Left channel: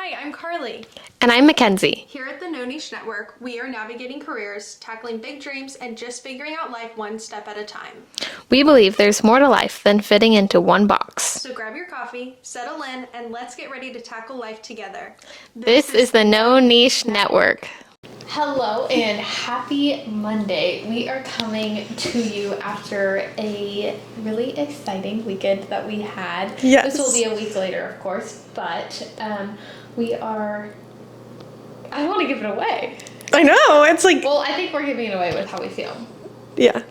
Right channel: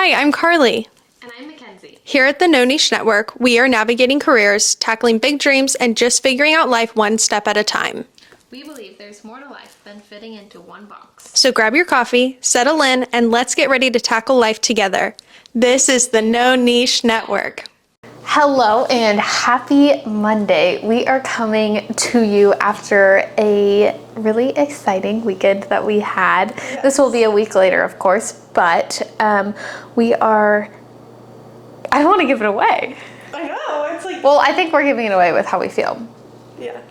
Hi, I'm Karlie. And I'm Makenzie. Here at the No Niche Network, we are navigating careers, tackling big dreams, and just figuring out life one step at a time. We believe there's more to life than fitting into one box. So grab your coffee, settle in, and let's get ready to tackle life together. This is the No Niche Network. Hello and happy Monday. We are coming to you after a really exciting weekend that we had. Yes. This will be a week later, of course, but we are... I don't want to give it away. I know, it's like... Well, I think we're giving it away with how we feel. Yeah.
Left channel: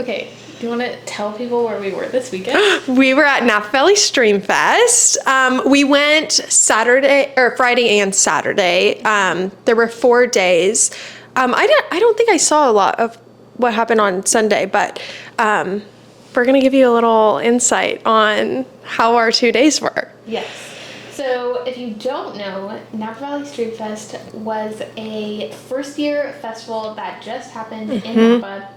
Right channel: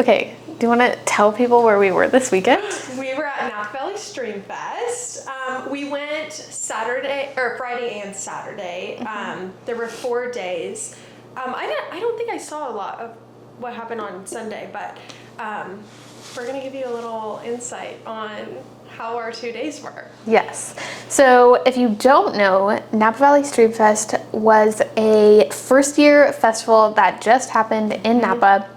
Okay, do you want to tell people where we were this weekend? We were at Napa Valley StreamFest. We went Friday and Saturday. There were 4 days. I don't think I saw a lot of what happened on Sunday, but we're going to give you a little insight on how our 2 days were. Yes. So if you don't know, Napa Valley StreamFest was a first-year festival that just happened in Napa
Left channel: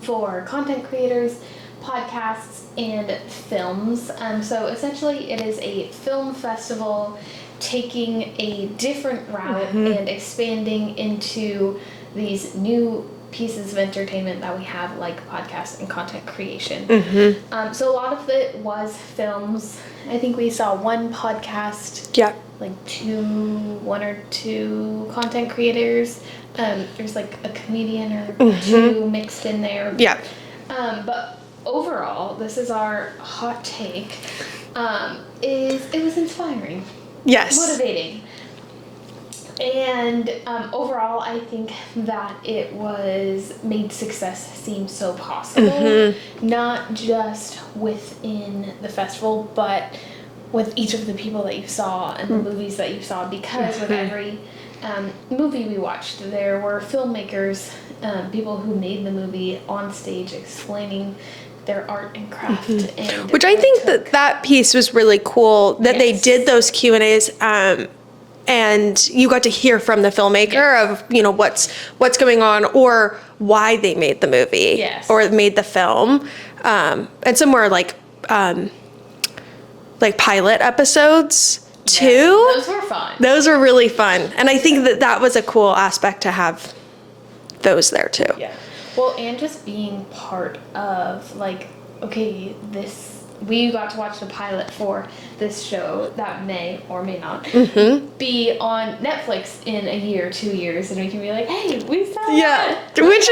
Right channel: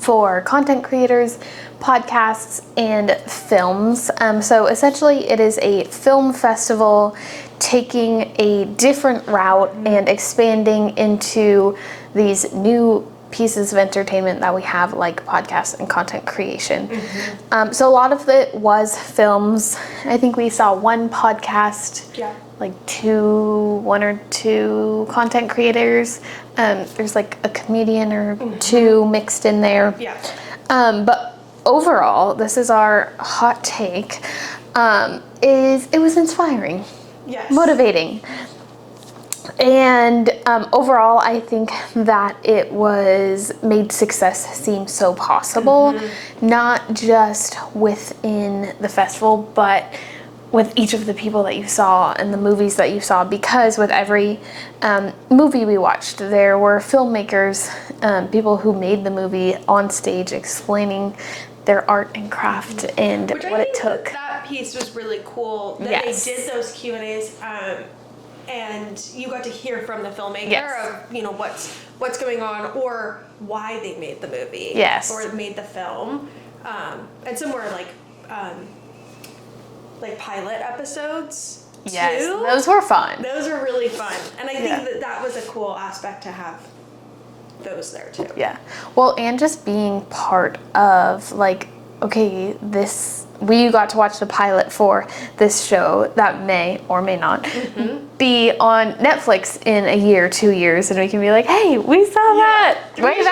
for content creators, podcasts, and films. So essentially it is a film festival taking a different route and expanding into these new pieces of entertainment that we have, like podcasts and content creation. So a lot of it was films. I think we saw one podcast, like one or two content creators. There's like a comedian or two mixed in there. Yeah. But overall, this is our hot take, it was inspiring. Yes. Motivating. And overall, I think that it made success seem so possible, not just within the festival, but with each of the people that you saw and the movies that you saw, because with every movie we watched, there were filmmakers, people who made the movie on stage explaining their art and craft. And which I think that piece was really cool, that they did those Q&As, and you got to hear from the filmmaker of, what's going on or why they made the movie or made the film. And some were like pilot episodes too. Yes, those were fun. Those were really fun. And I think that was a cool aspect to have those there too. Yeah. Well, and just being part of we got to watch the pilot for this show that may or may not be on Netflix in a year, 2 years, and we can be like, hey, we saw that. Which is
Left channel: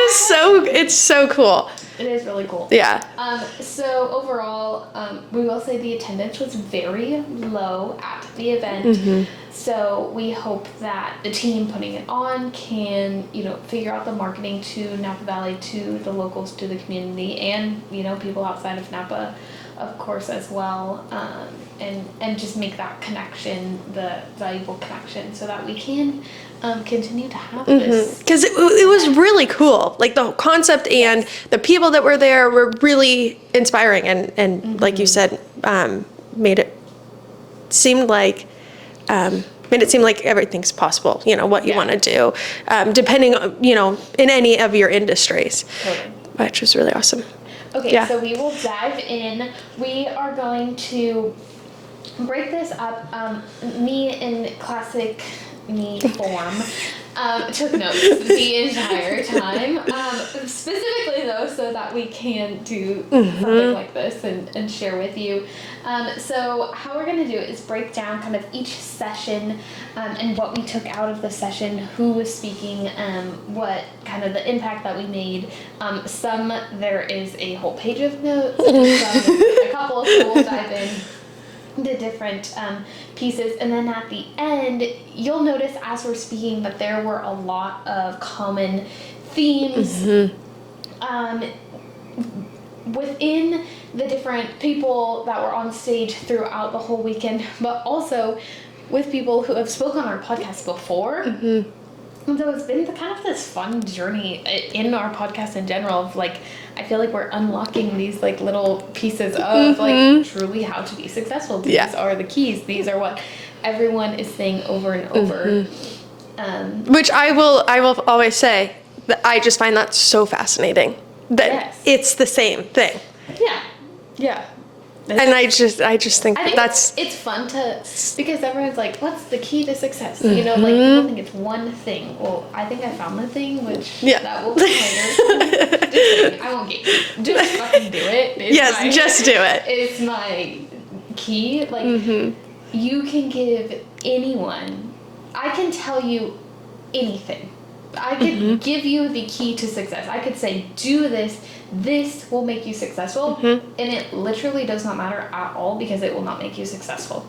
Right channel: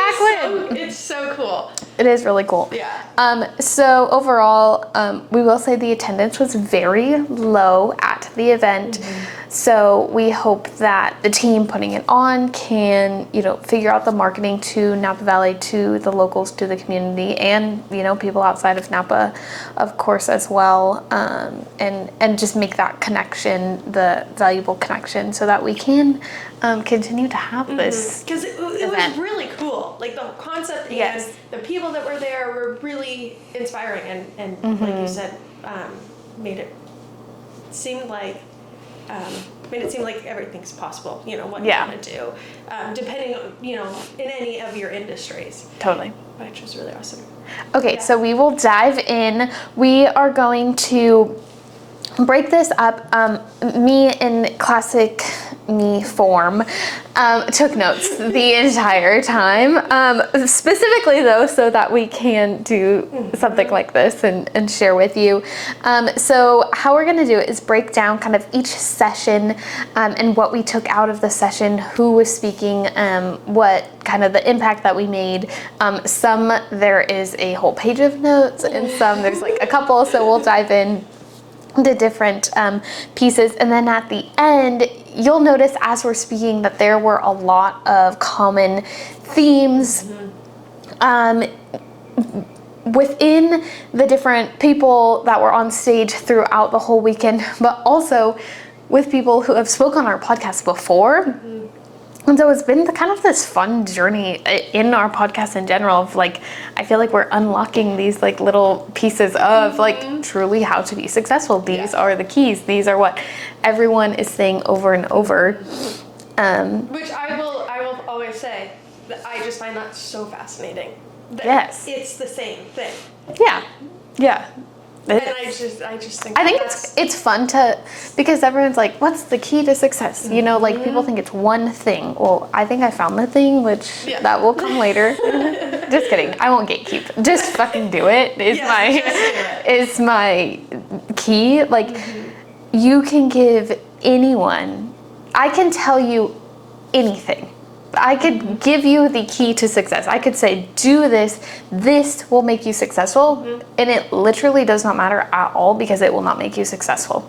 it's so cool. It is really cool. Yeah. So overall, we will say the attendance was very low at the event. So we hope that the team putting it on can, figure out the marketing to Napa Valley, to the locals, to the community, and, people outside of Napa, of course, as well, and just make that connection, the valuable connection, so that we can continue to have this. Because it was really cool. Like the concept and the people that were there were really inspiring, and like you said, made it seem like everything's possible, what you want to do, depending on, in any of your industries. Totally. Which was really awesome. Okay, so we will dive in. We are going to break this up. Me in classic me form took notes the entire time, specifically though, so that we can do something like this and share with you. So how we're going to do it is break down kind of each session and what we took out of the session, who was speaking, what kind of the impact that we made. Some there is a whole page of notes, and some there's like a couple, so we'll dive in the different pieces, and then at the end you'll notice as we're speaking that there were a lot of common themes within the different people that were on stage throughout the whole weekend, but also with people who have spoken on our podcast before. And so it's been kind of this fun journey in our podcast in general of I feel like we're unlocking these little pieces of truly how to be successful. These are the keys. These are what everyone is saying over and over. Which I will always say that I just find that so fascinating. That it's the same thing. Yeah. And I just think it's fun because everyone's like, what's the key to success? You know, like people think it's one thing. Well, I think I found the thing, which that will come later. Just kidding. I won't gatekeep. Just fucking do it. Just do it. It's my key. Like, you can give anyone, I can tell you anything. I could give you the key to success. I could say, do this. This will make you successful. And it literally does not matter at all because it will not make you successful.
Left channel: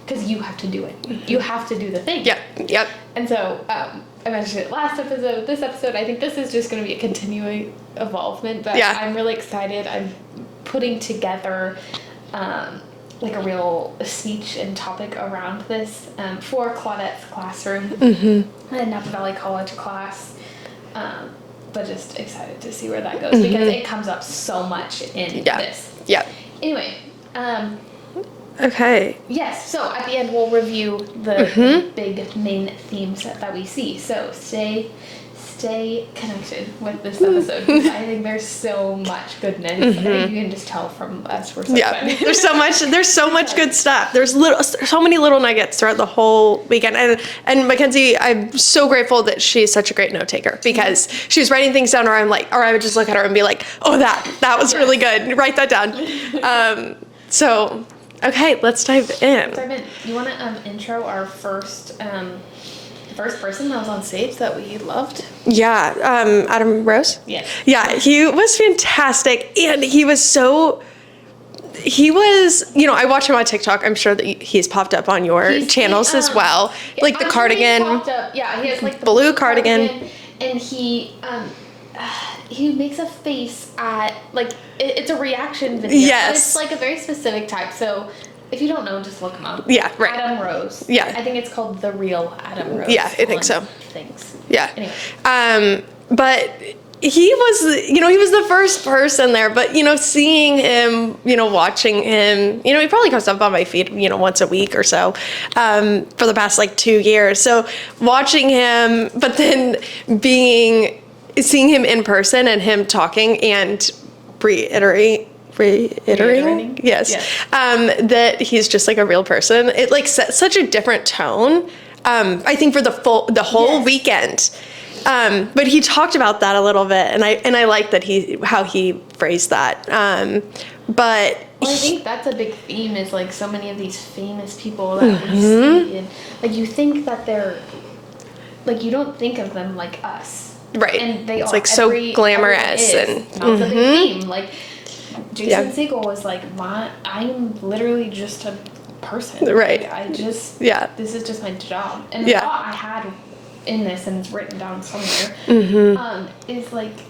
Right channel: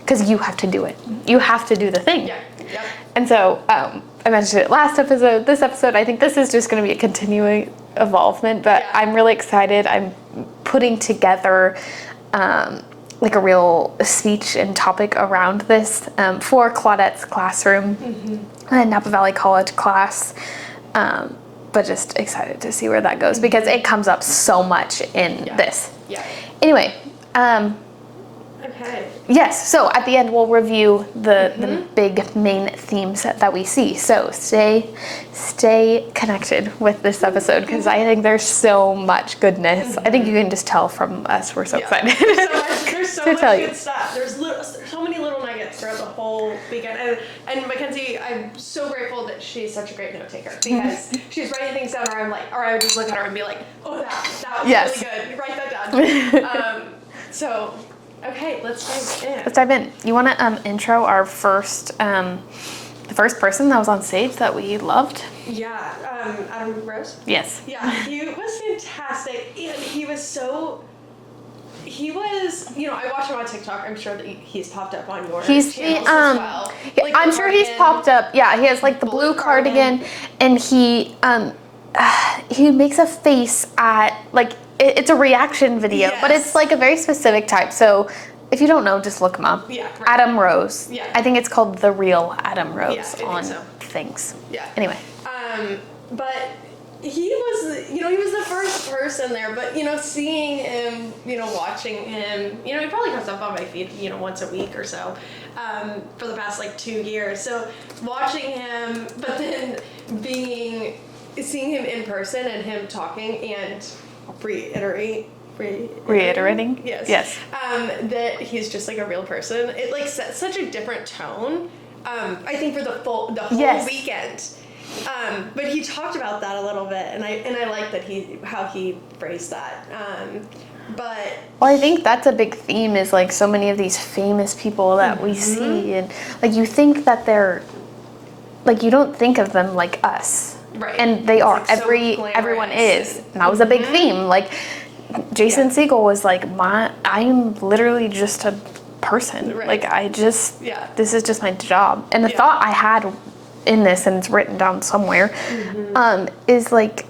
Because you have to do it. You have to do the thing. Yep. And so, I mentioned it last episode. This episode, I think this is just going to be a continuing evolvement. But I'm really excited. I'm putting together like a real speech and topic around this for Claudette's classroom, a Napa Valley College class, but just excited to see where that goes because it comes up so much in this. Yeah. Anyway. Okay. Yes, so at the end we'll review the big main themes that we see. So stay connected with this episode because I think there's so much goodness. I think you can just tell from us we're so excited. There's so much good stuff. There's so many little nuggets throughout the whole weekend. And Makenzie, I'm so grateful that she's such a great note taker because she's writing things down or I would just look at her and be like, oh, that was really good. Write that down. Okay, let's dive in. You want to intro our first, the first person that was on stage that we loved? Yeah, Adam Rose? Yes. Yeah, he was fantastic, and he was, I watch him on TikTok. I'm sure that he's popped up on your channels as well. Like the cardigan. Sure he's popped up. Yeah, he has like the blue cardigan. And he makes a face at, like, it's a reaction video, but it's like a very specific type. So if you don't know, just look him up. Yeah, right. Adam Rose. Yeah. I think it's called The Real Adam Rose. Yeah, I think so. Things. Yeah. Anyway. But he was the first person there, but, seeing him, watching him, he probably comes up on my feed, once a week or so, for the past, 2 years. So watching him, but then seeing him in person and him talking and reiterating yes. That he's just a real person, it set such a different tone, I think for the whole weekend, but he talked about that a little bit, and I like that how he phrased that, but I think that's a big theme is so many of these famous people that we see, and you think that they're you don't think of them like us. Right. And they are so glamorous. And that was a big theme. Jason Segel was I'm literally just a person. Right. This is just my job. And the thought I had in this, and it's written down somewhere, is found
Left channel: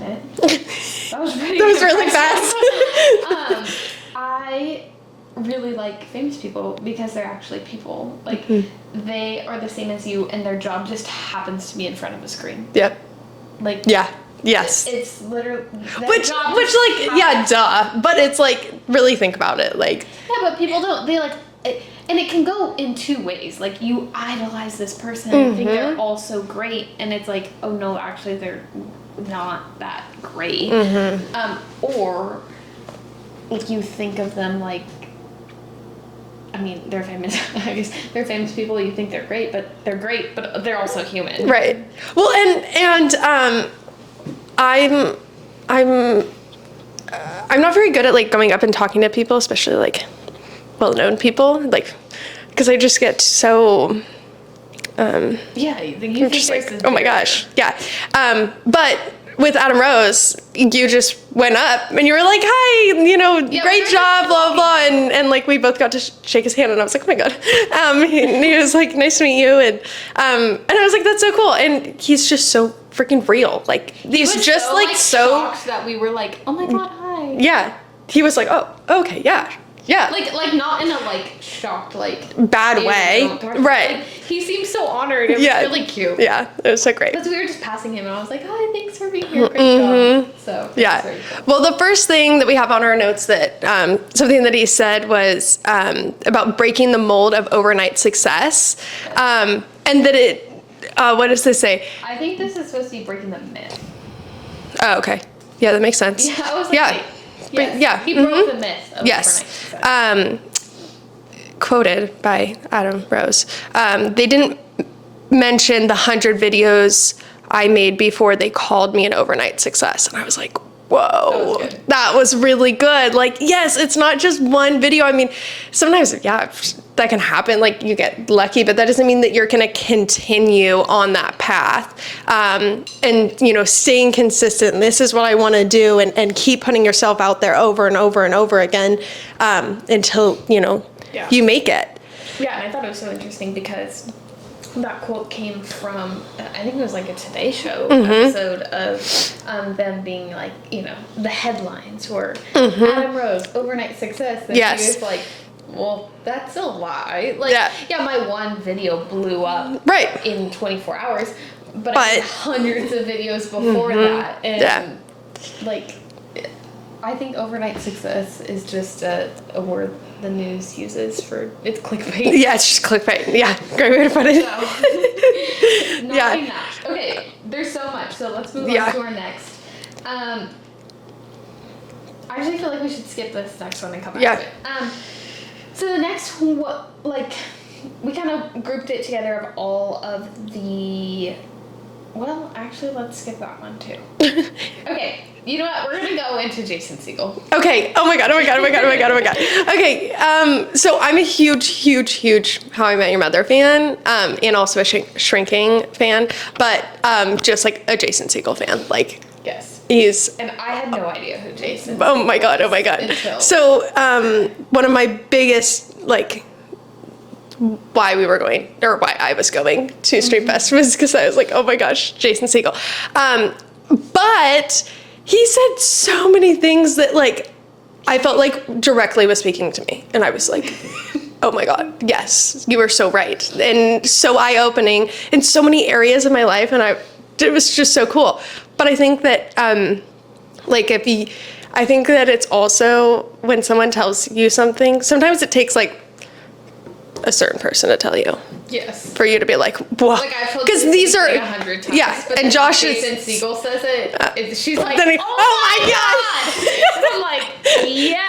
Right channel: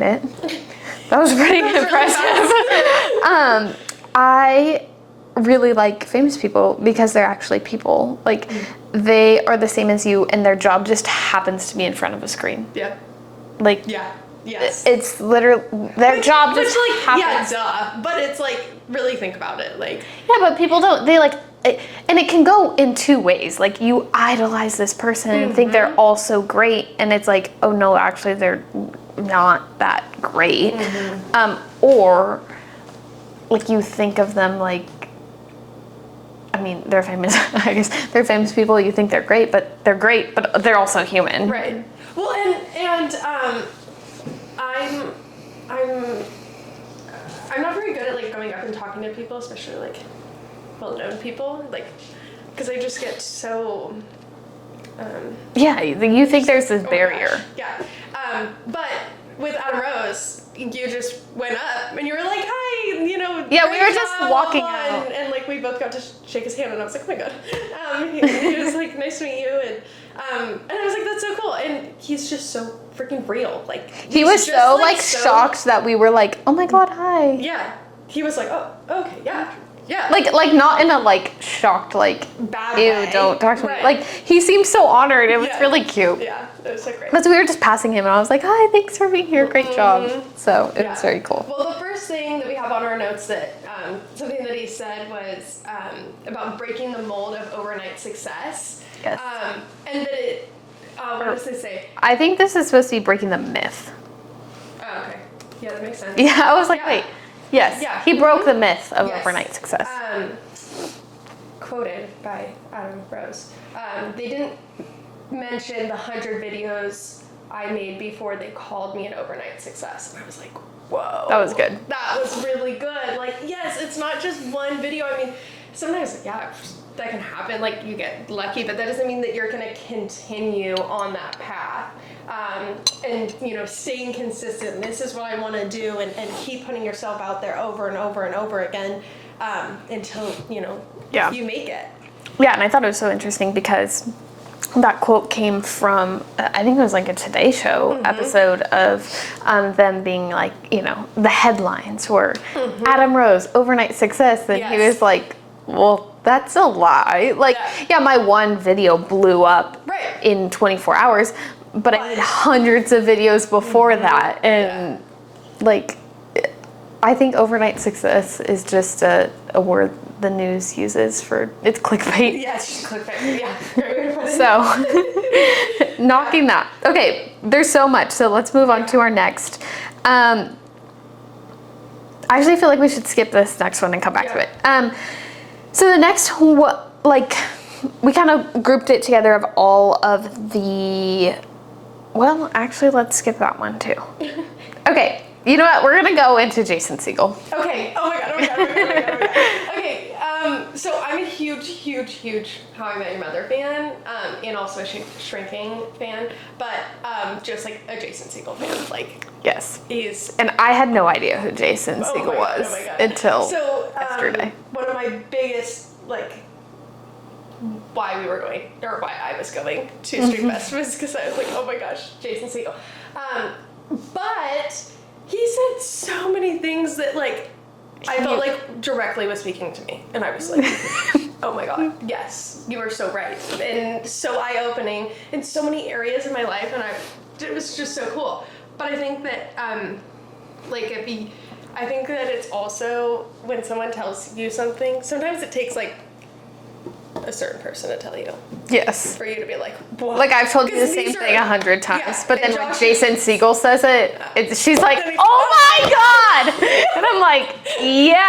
it. That was pretty really fast. I really like famous people because they're actually people. They are the same as you, and their job just happens to be in front of a screen. Yep. Yes. It's literally their job. Which duh. But it's really think about it. Yeah, but people don't. They and it can go in two ways. You idolize this person and think they're all so great, and it's oh no, actually they're not that great. Or you think of them they're famous. I guess they're famous people. You think they're great, but they're also human. Right. Well, and I'm not very good at going up and talking to people, especially well-known people, because I just get so. You think there's this oh my barrier. gosh, yeah. But with Adam Rose, you just went up and you were like, hi, great job, blah, blah, and we both got to shake his hand, and I was like, oh my God. He was like, nice to meet you, and I was like, that's so cool, and he's just so freaking real. He was just so shocked that we were like, oh my God, hi. Yeah, he was like, oh, okay, yeah. Yeah. Not in a shocked bad way. Don't talk to me. He seemed so honored. It was really cute. Yeah, it was so great. But so we were just passing him, and I was like, hi, thanks for being here. Great job. So it was very cool. Well, the first thing that we have on our notes that something that he said was about breaking the mold of overnight success. Yes. And that it what does this say? I think this is supposed to be breaking the myth. Oh, okay. Yeah, that makes sense. Yeah, I was like, wait. Yes. Yeah. He broke the myth of overnight success. Quoted by Adam Rose. They didn't mention the 100 videos I made before they called me an overnight success. And I was like, whoa. That was good. That was really good. Like, yes, it's not just one video. I mean, sometimes, yeah, that can happen. Like, you get lucky, but that doesn't mean that you're going to continue on that path. And, you know, staying consistent. This is what I want to do, and keep putting yourself out there over and over and over again until, you know, you make it. Yeah, and I thought it was so interesting because that quote came from, I think it was like a Today Show episode of them being like, you know, the headlines were Adam Rose, overnight success. And she was like, well, that's a lie. Like, yeah, my one video blew up in 24 hours, but I did hundreds of videos before that. And like, I think overnight success is just a word the news uses for, it's clickbait. Yeah, it's just clickbait. Yeah, great way to put it. So, knocking that. Okay, there's so much, so let's move on to our next. I actually feel like we should skip this next one and come back to it. So the next, like, we kind of grouped it together of all of the, well, actually, let's skip that one too. Okay. You know what? We're gonna go into Jason Segel. Okay. Oh my god. Okay. So I'm a huge How I Met Your Mother fan, and also a Shrinking fan, but just like a Jason Segel fan. Like, yes, he's. And I had no idea who Jason. Oh Segel my god. was Oh my god. Until so one of my biggest why we were going, or why I was going to StreamFest was because I was like, oh my gosh, Jason Segel. But he said so many things that, like, I felt like directly was speaking to me. And I was like, oh my God, yes, you were so right. And so eye-opening in so many areas of my life. And it was just so cool. But I think that, I think that it's also when someone tells you something, sometimes it takes like a certain person to tell you. Yes. For you to be like, whoa. Like, I've told you the same thing 100 times. Yeah. But and then Josh Jason Segel says it, she's like, oh my God. And I'm like, yeah.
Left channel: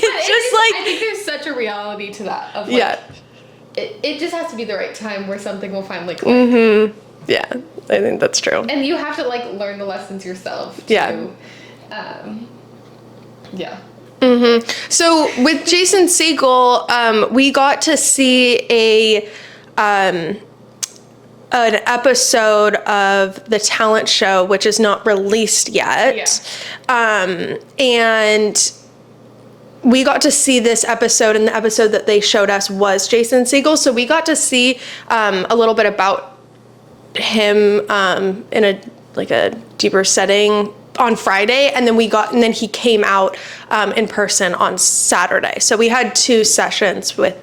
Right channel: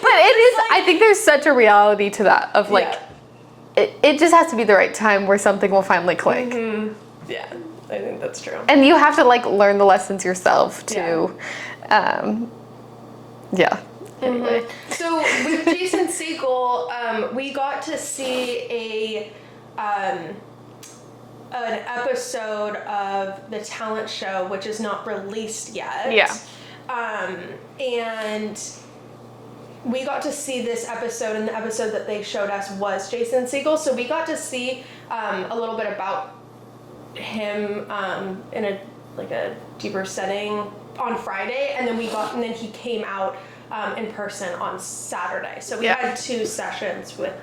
But I think there's such a reality to that of like, it just has to be the right time where something will finally click. Mm-hmm. Yeah, I think that's true. And you have to like learn the lessons yourself too. Mm-hmm. So with Jason Segel, we got to see an episode of the talent show, which is not released yet. Yeah. And we got to see this episode, and the episode that they showed us was Jason Segel. So we got to see a little bit about him in a deeper setting on Friday, and then he came out in person on Saturday. So we had 2 sessions with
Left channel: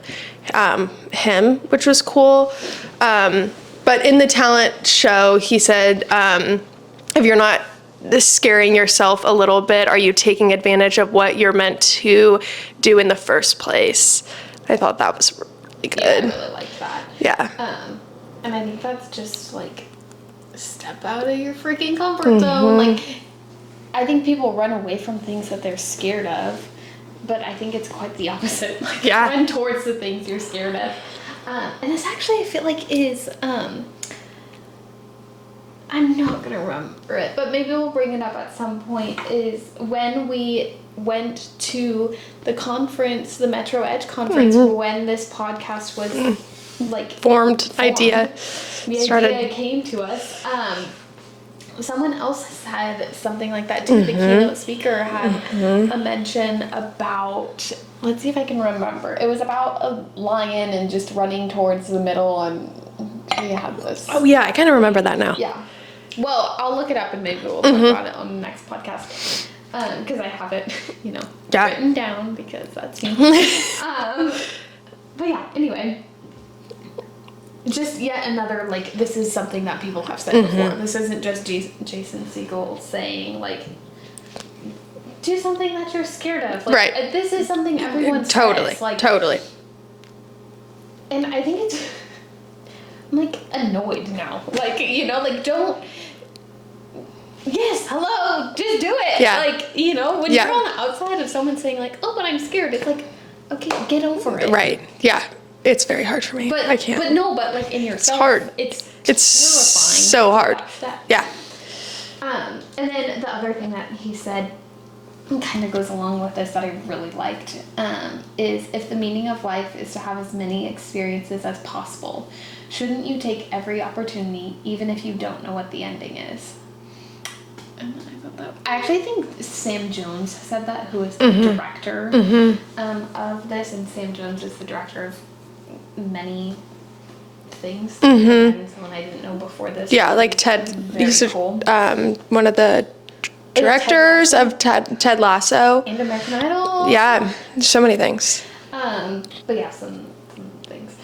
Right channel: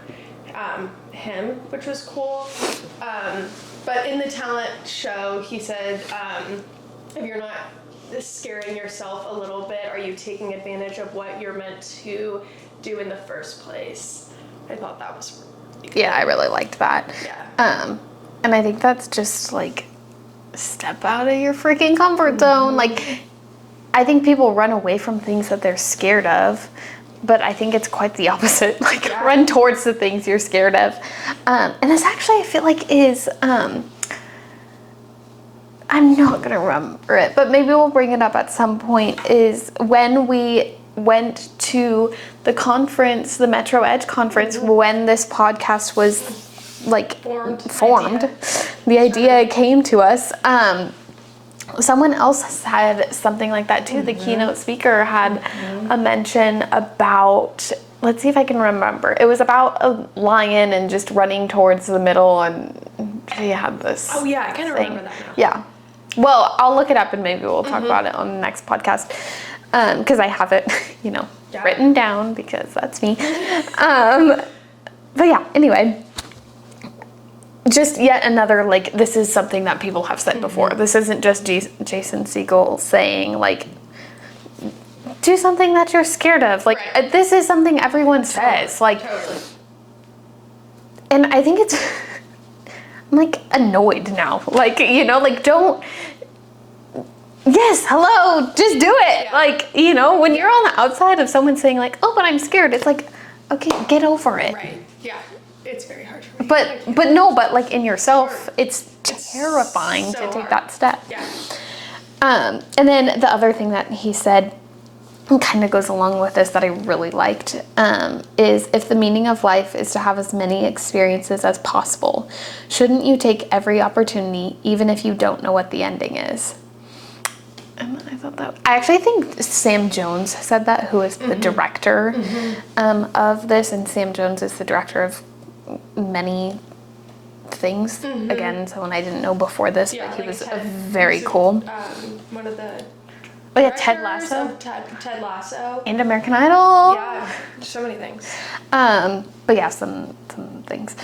him, which was cool. But in the talent show, he said, if you're not scaring yourself a little bit, are you taking advantage of what you're meant to do in the first place? I thought that was really good. Yeah, I really liked that. Yeah. And I think that's just like, step out of your freaking comfort zone. Like, I think people run away from things that they're scared of, but I think it's quite the opposite. Like, run towards the things you're scared of. And this actually, I feel like is, I'm not going to remember it, but maybe we'll bring it up at some point, is when we went to the conference, the Metro Edge conference, when this podcast was like formed. Idea. The idea came to us. Someone else said something like that too. The keynote speaker had a mention about, let's see if I can remember. It was about a lion and just running towards the middle, and they had this. Oh yeah, I kind of remember that now. Yeah. Well, I'll look it up and maybe we'll talk about it on the next podcast. Because I have it, written down, because that's me. But yeah, anyway. Just yet another, like, this is something that people have said before. This isn't just Jason Segel saying, like, do something that you're scared of. Like, this is something everyone says. Like, totally. And I think it's, I'm, like, annoyed now. Like, like, don't, yes, hello, just do it. Yeah. Like, you know, when you're on the outside of someone saying like, oh, but I'm scared, it's like, okay, get over it. Right. Yeah. It's very hard for me. But I can't. but like in yourself, hard. it's So terrifying to take hard. that step. Yeah. And then the other thing that he said kind of goes along with this that I really liked is if the meaning of life is to have as many experiences as possible, shouldn't you take every opportunity even if you don't know what the ending is? And I thought that I actually think Sam Jones said that, who is the director of this, and Sam Jones is the director of many things. Again, someone I didn't know before this. Yeah, like Ted. Very cool. One of the directors of Ted Lasso. And American Idol. Yeah, so many things. But yeah, some things.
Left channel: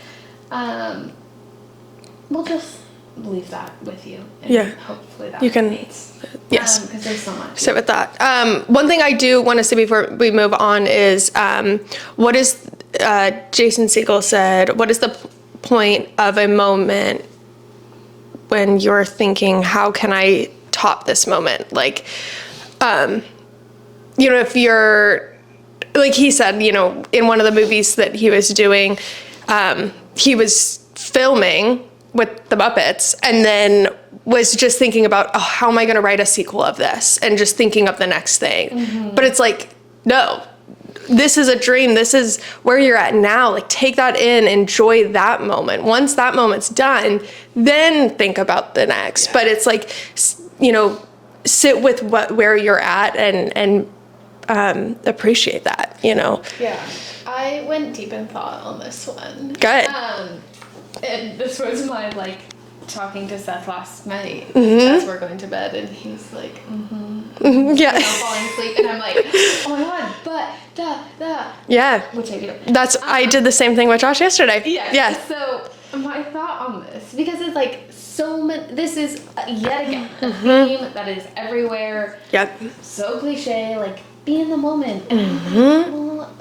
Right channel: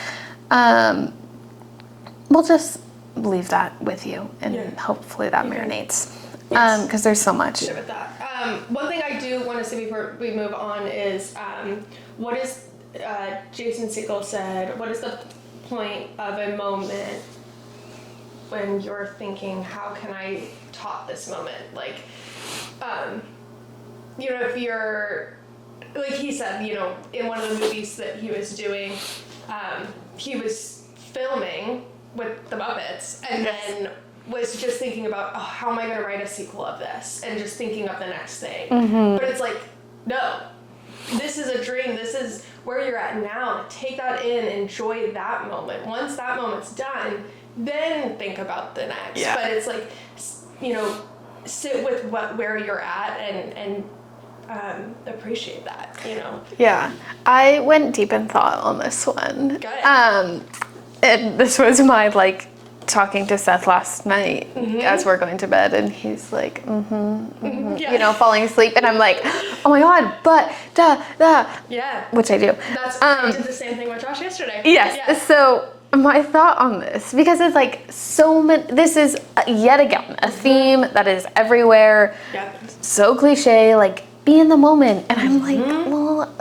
We'll just leave that with you, and hopefully that resonates. Yes, because there's so much. Sit with that. One thing I do want to say before we move on is, what is Jason Segel said? What is the point of a moment when you're thinking, how can I top this moment? Like, you know, if you're, like he said, you know, in one of the movies that he was doing, he was filming with the Muppets and then was just thinking about, oh, how am I going to write a sequel of this? And just thinking of the next thing. But it's like, no, this is a dream. This is where you're at now. Like, take that in, enjoy that moment. Once that moment's done, then think about the next. But it's like, you know, sit with where you're at and appreciate that, you know? Yeah. I went deep in thought on this one. Good. And this was my, like, talking to Seth last night as we're going to bed, and he's like, Yeah. you know, falling asleep, and I'm like, oh my God, but, Yeah. which I do. That's, I did the same thing with Josh yesterday. Yes. Yeah. So my thought on this, because it's like so many, this is yet again a theme that is everywhere. Yep. So cliche, like, be in the moment. And I'm like, well,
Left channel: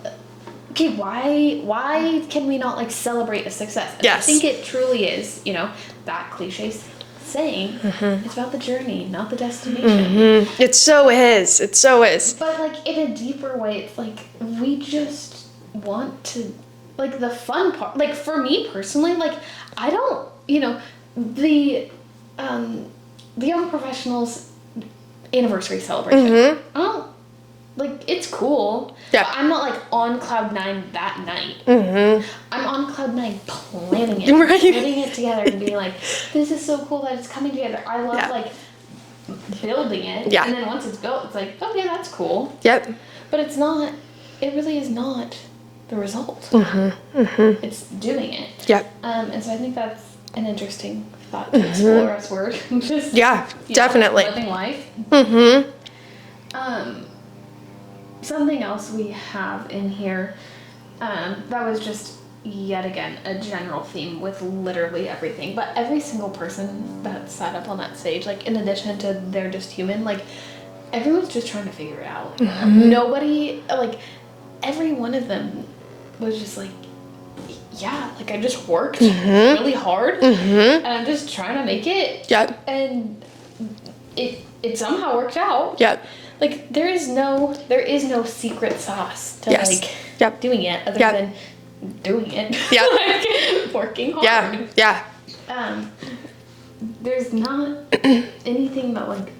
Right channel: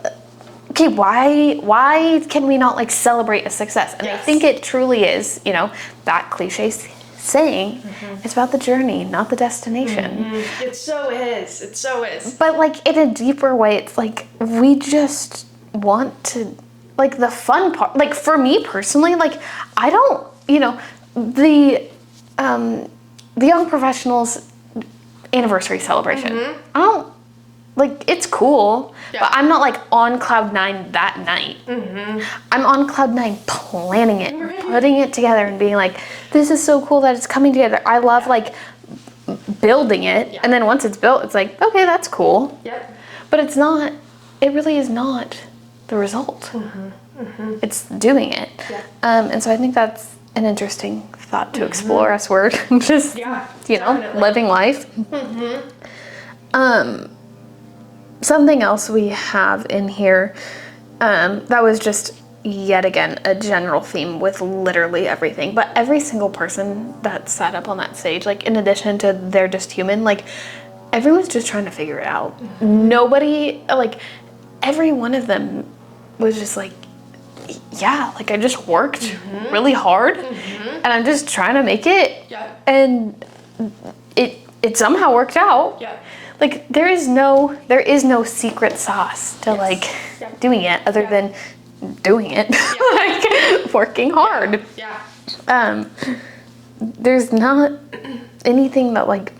okay, why can we not like celebrate a success? And I think it truly is, you know, that cliche saying, it's about the journey, not the destination. It so is. It so is. But like in a deeper way, it's like we just want to, like the fun part, like for me personally, like I don't, you know, the Young Professionals anniversary celebration, I don't, like, it's cool, but I'm not like on cloud 9 that night. I'm on cloud 9 planning it, putting it together and being like, this is so cool that it's coming together. I love like building it. And then once it's built, it's like, okay, that's cool. But it's not, it really is not the result. It's doing it. And so I think that's an interesting thought to explore as we're just, you know, definitely living life. Something else we have in here that was just yet again a general theme with literally everything, but every single person that sat up on that stage, like in addition to they're just human, like everyone's just trying to figure it out. Nobody, like every one of them was just like, yeah, like I just worked really hard and I'm just trying to make it. And it somehow worked out. Like there is no secret sauce to like doing it other than doing it. Like working hard. There's not anything that like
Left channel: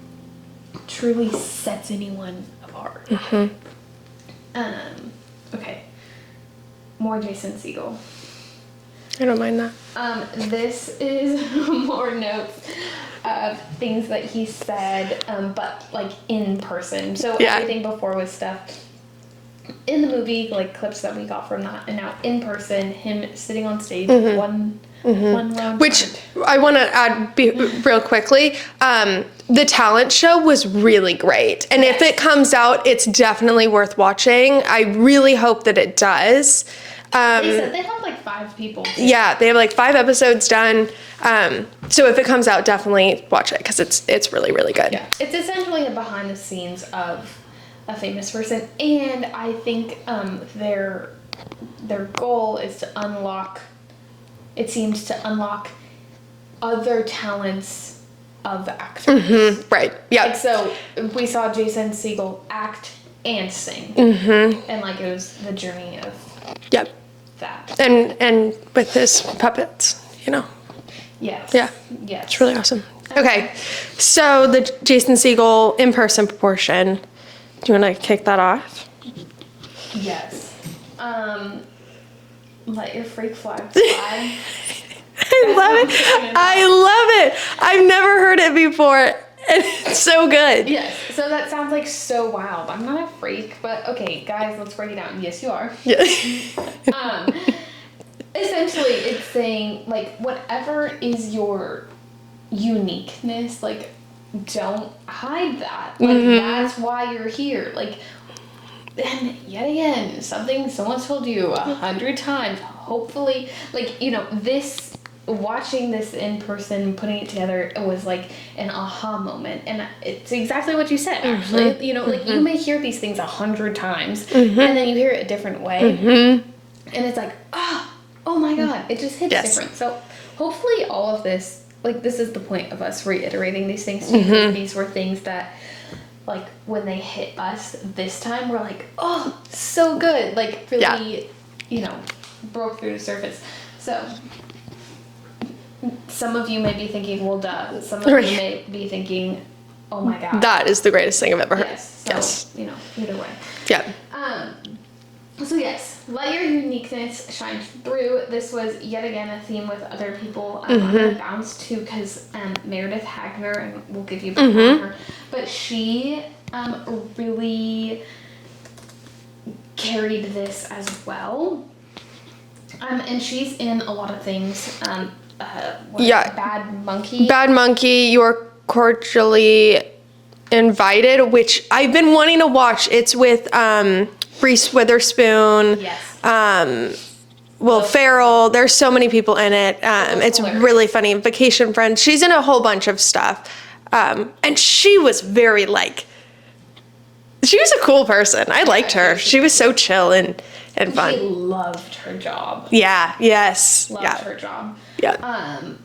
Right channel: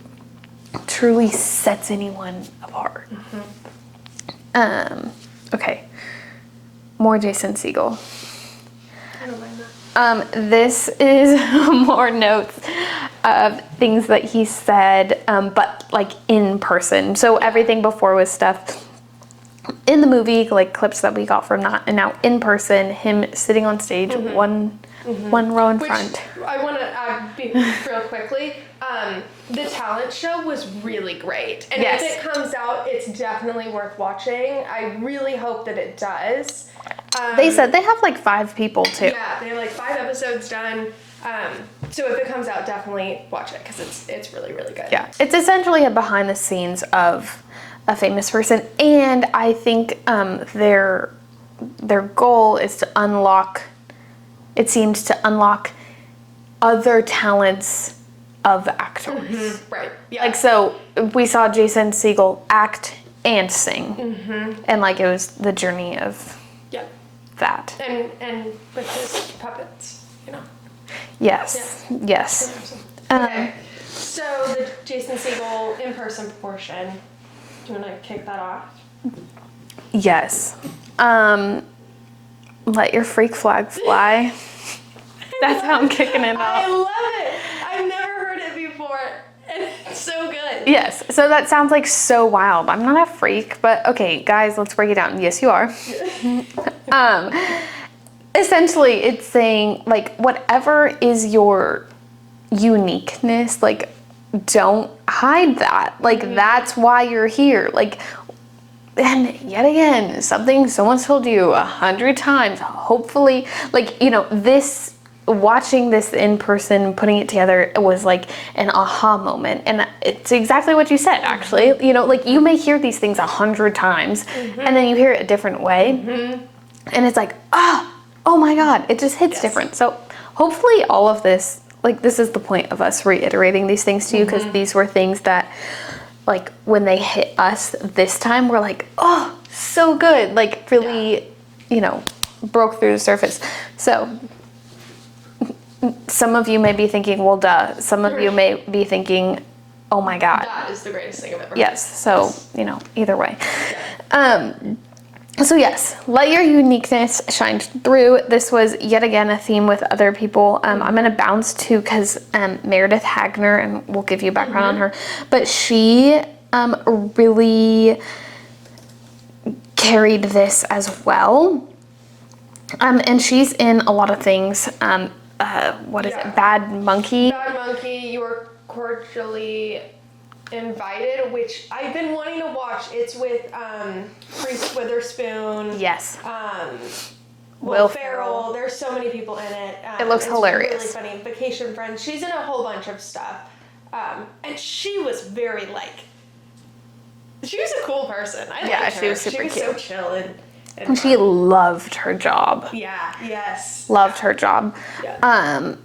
truly sets anyone apart. Okay. More Jason Segel. I don't mind that. This is more notes of things that he said, but like in person. So everything before was stuff in the movie, like clips that we got from that, and now in person, him sitting on stage, one row in Which front. I want to add real quickly. The talent show was really great, and if it comes out, it's definitely worth watching. I really hope that it does. They said they have like 5 people too. Yeah, they have like 5 episodes done. So if it comes out, definitely watch it because it's really, really good. Yeah, it's essentially a behind the scenes of a famous person, and I think their goal is to unlock. It seems to unlock other talents of actors. Right. Yeah. Like, so we saw Jason Segel act and sing. And like, it was the journey of Yep. that. And with his puppets, you know. Yes. Yeah. Yes. It's really awesome. Okay. So the Jason Segel in-person portion. Do you want to kick that off? Yes. Let your freak flag fly. I love it. I've never heard it before, and it's so good. Yes. So that sounds like so wild. I'm not a freak, but okay, guys, let's break it down. Yes, you are. Yeah. Essentially, it's saying, like, whatever is your uniqueness, like, don't hide that. Like, that's why you're here. Like, and yet again, something someone's told you 100 times, hopefully, like, you know, watching this in person, putting it together, it was like an aha moment. And it's exactly what you said, actually. You know, like, you may hear these things 100 times, and then you hear it a different way. And it's like, oh my God, it just hits different. So hopefully all of this, like, this is the point of us reiterating these things to you, because these were things that, like, when they hit us this time, we're like, oh, so good. Like, really, you know, broke through the surface. So some of you may be thinking, well, duh. Some of you may be thinking, oh my God. That is the greatest thing I've ever heard. Yes. So, you know, either way. Yeah. So yes, let your uniqueness shine through. This was yet again a theme with other people. I'm going to bounce to, because Meredith Hagner, and we'll give you background on her, but she really carried this as well. And she's in a lot of things. Bad Monkey. Bad Monkey, You're Cordially Invited, which I've been wanting to watch. It's with Reese Witherspoon. Yes. Will Ferrell. There's so many people in it. It's hilarious. really funny. Vacation Friends. She's in a whole bunch of stuff. And she was very, like, she was a cool person. I liked her. She was so chill and fun. She loved her job. Yeah. Yes. Loved her job. Yeah.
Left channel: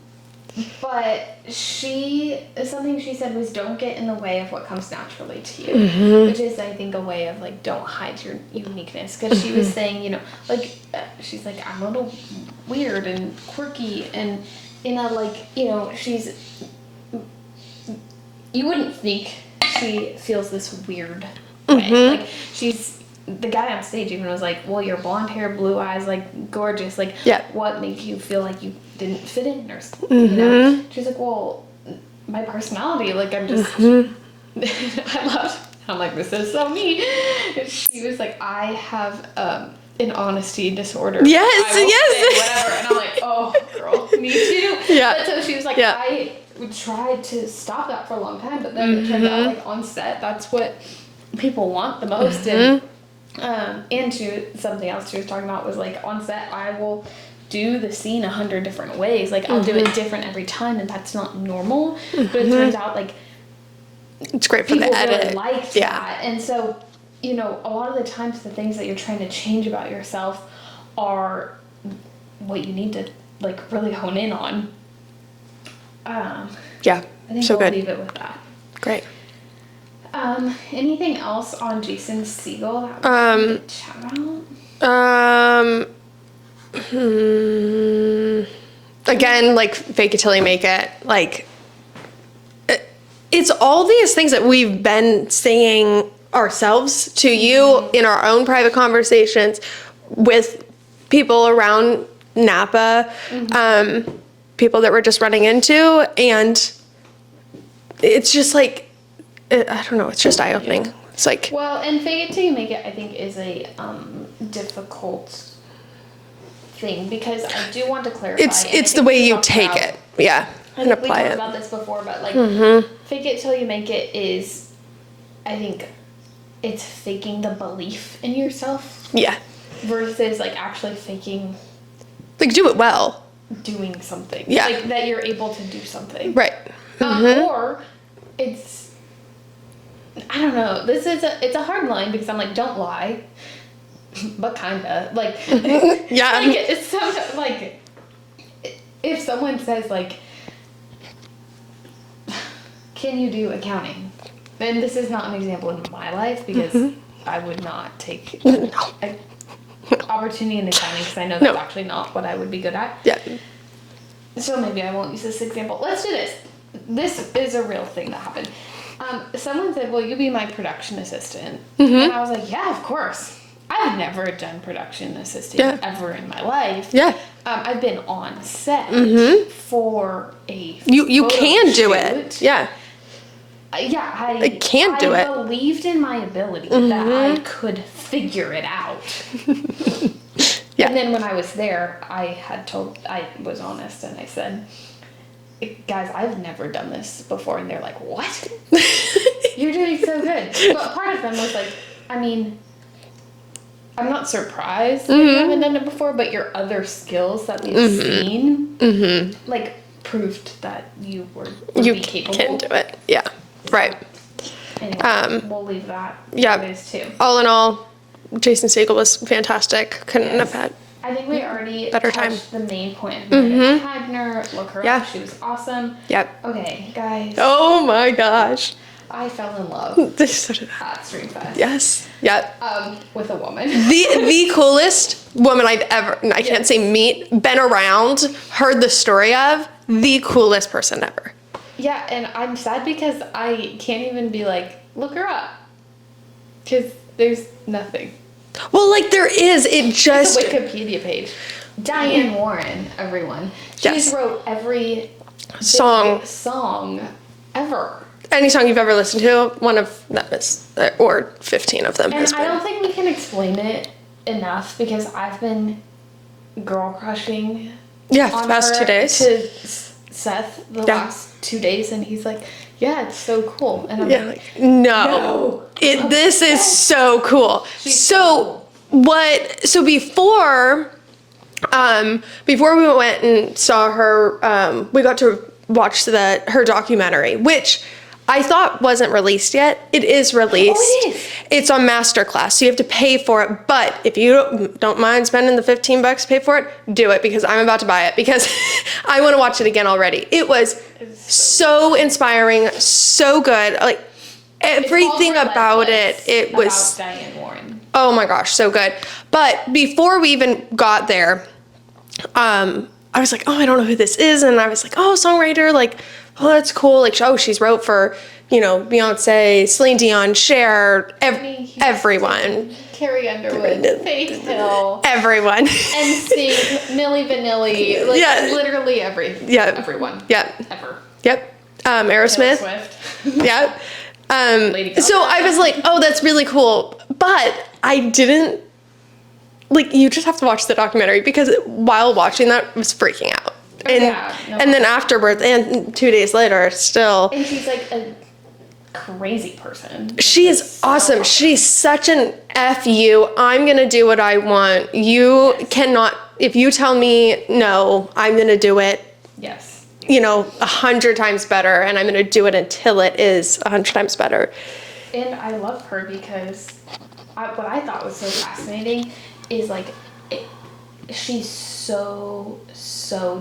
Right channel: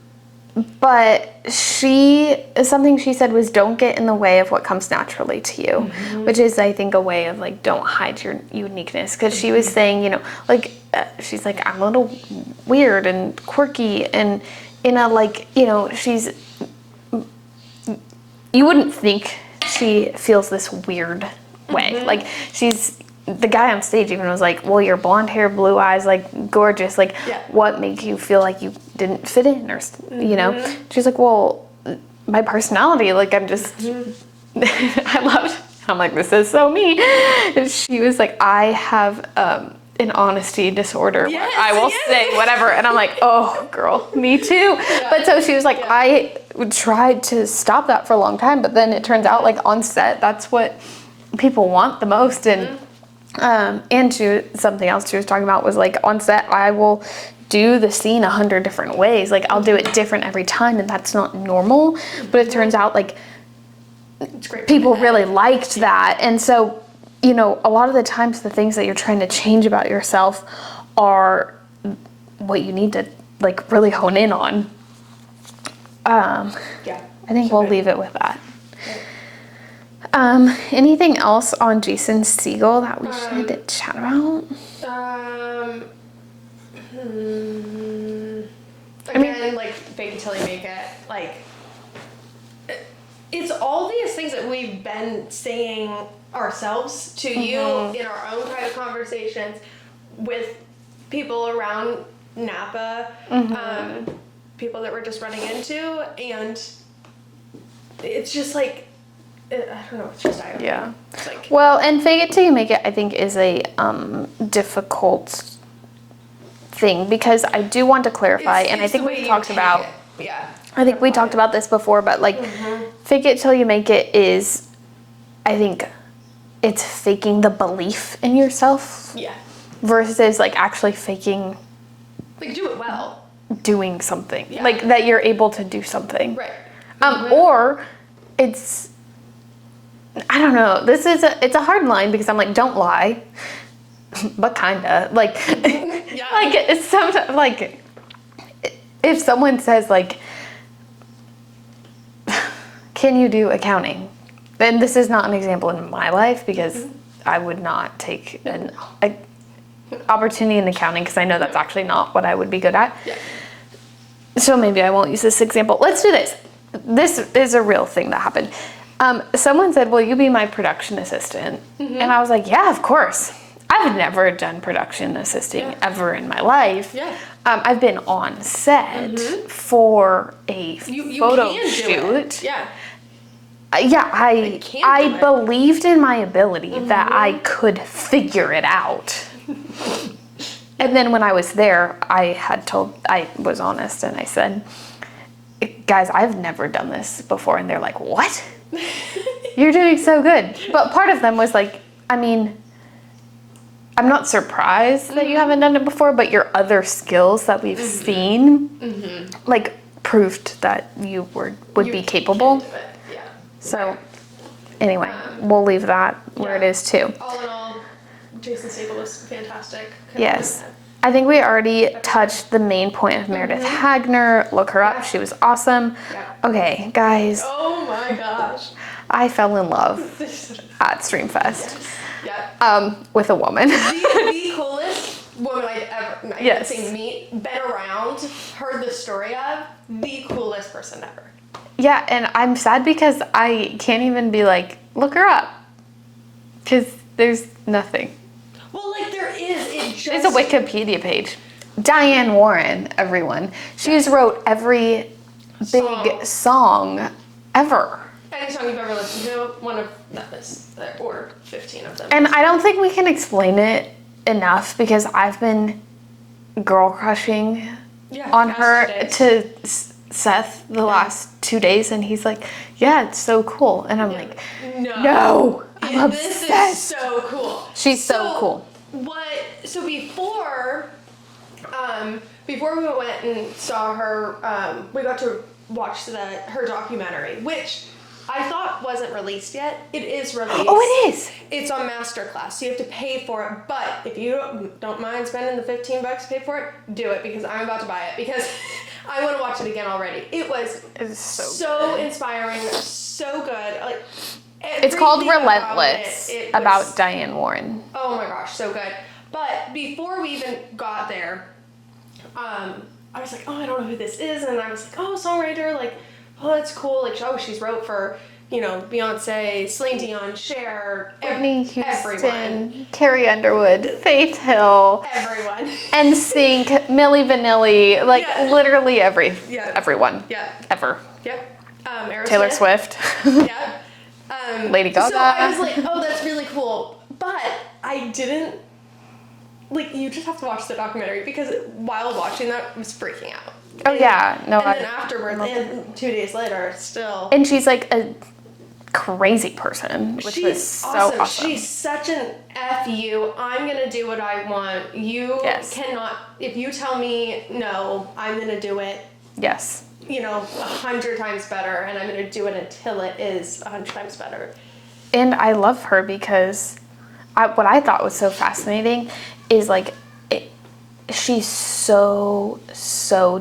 But something she said was, don't get in the way of what comes naturally to you, which is, I think, a way of, like, don't hide your uniqueness. Because she was saying, you know, like, she's like, I'm a little weird and quirky, and in a, like, you know, you wouldn't think she feels this weird way. Like, the guy on stage even was like, well, your blonde hair, blue eyes, like, gorgeous. Like, what made you feel like you didn't fit in, or, you know? She's like, well, my personality, like, I'm just, I loved, I'm like, this is so me. And she was like, I have an honesty disorder. Yes, I will say whatever. And I'm like, oh, girl, me too. Yeah. But so she was like, I tried to stop that for a long time, but then it turns out, like, on set, that's what people want the most. And something else she was talking about was, like, on set, I will do the scene 100 different ways. Like, I'll do it different every time, and that's not normal. But it turns out, like, it's great. People really liked that. And so, you know, a lot of the times the things that you're trying to change about yourself are what you need to, like, really hone in on. I think we'll leave it with that. Great. Anything else on Jason Segel that we should chat about? Again, like, fake it till you make it. Like, it's all these things that we've been saying ourselves to you in our own private conversations with people around Napa, people that we're just running into, and it's just like, I don't know, it's just eye-opening. Yeah. It's like, well, and fake it till you make it, I think, is a difficult thing, because I do want to clarify. It's the way you take it. Yeah. I think we talked about this before, but, like, fake it till you make it is, I think, it's faking the belief in yourself. Yeah. Versus, like, actually faking, like, do it well. Doing something. Yeah. Like, that you're able to do something. Right. Or it's, I don't know. It's a hard line, because I'm like, don't lie, but kinda, like, yeah. Like, it's sometimes, like, if someone says, like, can you do accounting? And this is not an example in my life because I would not take an opportunity in accounting because I know that's actually not what I would be good at. Yeah. So maybe I won't use this example. Let's do this. This is a real thing that happened. Someone said, will you be my production assistant? And I was like, yeah, of course. I've never done production assisting ever in my life. Yeah. I've been on set for a You photo can do shoot. it. Yeah. I can do it. believed in my ability that I could figure it out. And then when I was there, I was honest and I said, guys, I've never done this before. And they're like, what? You're doing so good. But part of them was like, I mean, I'm not surprised that you haven't done it before, but your other skills that we've seen, like, proved that you would be capable. You can do it. Yeah. So, right. Anyway, we'll leave that where it is too. All in all, Jason Segel was fantastic. Couldn't have had. I think we already Better touched the main point of Meredith Hagner. Look her up. She was awesome. Yep. Okay, guys. Oh my gosh. I fell in love at StreamFest. Yes. Yep. With a woman. The coolest woman I've ever, I can't say meet, been around, heard the story of, the coolest person ever. Yeah, and I'm sad because I can't even be like, look her up. Because there's nothing. Well, like there is, it just... There's a Wikipedia page. Diane Warren, everyone. She's wrote every song ever. Any song you've ever listened to, one of them is, or 15 of them. And I don't think we can explain it enough because I've been girl crushing on her to Seth the last 2 days, and he's like, yeah, it's so cool. And I'm like, no. This is so cool. She's so cool. So before we went and saw her, we got to watch her documentary, which I thought wasn't released yet. It is released. Oh, it is. It's on Masterclass, so you have to pay for it. But if you don't mind spending the $15 to pay for it, do it because I'm about to buy it because I want to watch it again already. It was so inspiring, so good. Like everything about it. It was about Diane Warren. Oh my gosh, so good. But before we even got there, I was like, oh, I don't know who this is, and I was like, oh, songwriter, like. Oh, that's cool. Like, she's wrote for, Beyonce, Celine Dion, Cher, everyone. Carrie Underwood, Faith Hill. Everyone. NSYNC, Milli Vanilli, literally everyone. Yep. Ever. Yep. Aerosmith. Taylor Swift. Yep. Lady Gaga. So I was like, oh, that's really cool. But I didn't, you just have to watch the documentary because while watching that, I was freaking out. Oh, and then afterwards, and 2 days later, still. And she's like a crazy person. She's awesome. She's such an F you. I'm going to do what I want. You cannot, if you tell me no, I'm going to do it. Yes. 100 times better. And I'm going to do it until it is 100 times better. And I love her because what I thought was so fascinating is she's so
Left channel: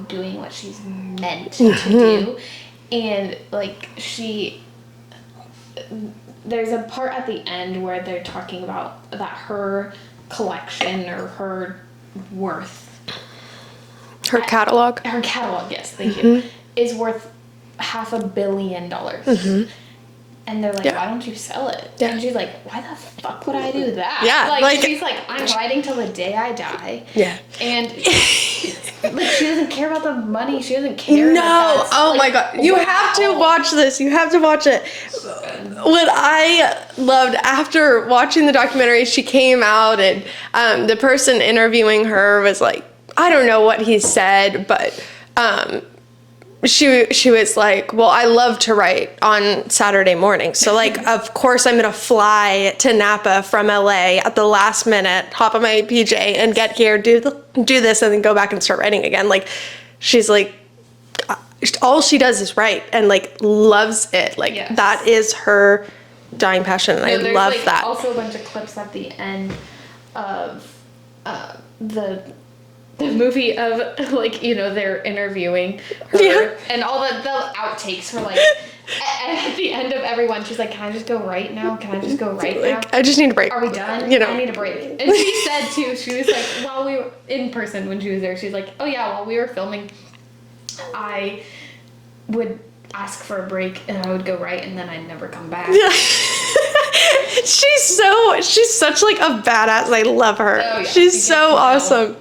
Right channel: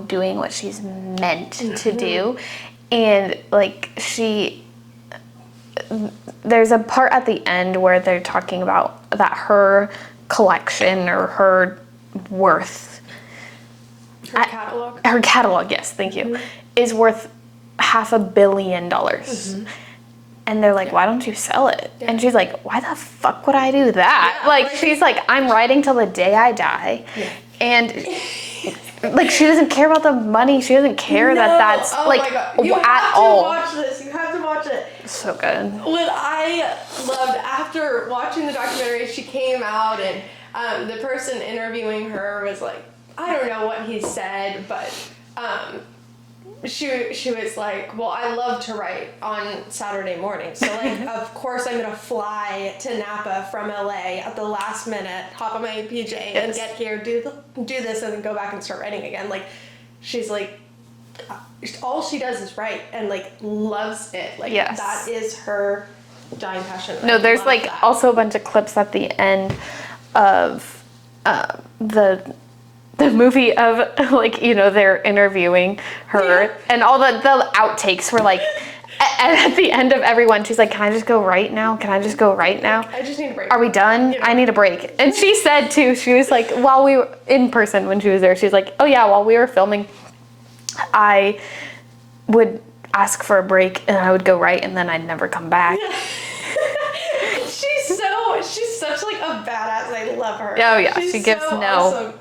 doing what she's meant to do. And there's a part at the end where they're talking about that her collection or her worth, her catalog, yes, thank you, is worth $500 million. And they're like, why don't you sell it? Yeah. And she's like, why the fuck would I do that? Yeah, she's like, I'm writing till the day I die. Yeah. And she doesn't care about the money. She doesn't care that's my God. You have to watch this. You have to watch it. So good. What I loved after watching the documentary, she came out and the person interviewing her was like, I don't know what he said, but she was like, well, I love to write on Saturday morning. So of course I'm going to fly to Napa from LA at the last minute, hop on my PJ and get here, do this and then go back and start writing again. She's like, all she does is write and loves it. That is her dying passion. And I love that. There's also a bunch of clips at the end of the the movie of like, you know, they're interviewing her and all the outtakes were like at the end of everyone, she's like, can I just go right now? Can I just go right now? I just need a break. Are we done? I need a break. And she said too, she was like, while we were in person when she was there, she's like, oh yeah, while we were filming, I would ask for a break and I would go right and then I'd never come back. Yeah. She's such like a badass. I love her. Oh yeah. She's so awesome.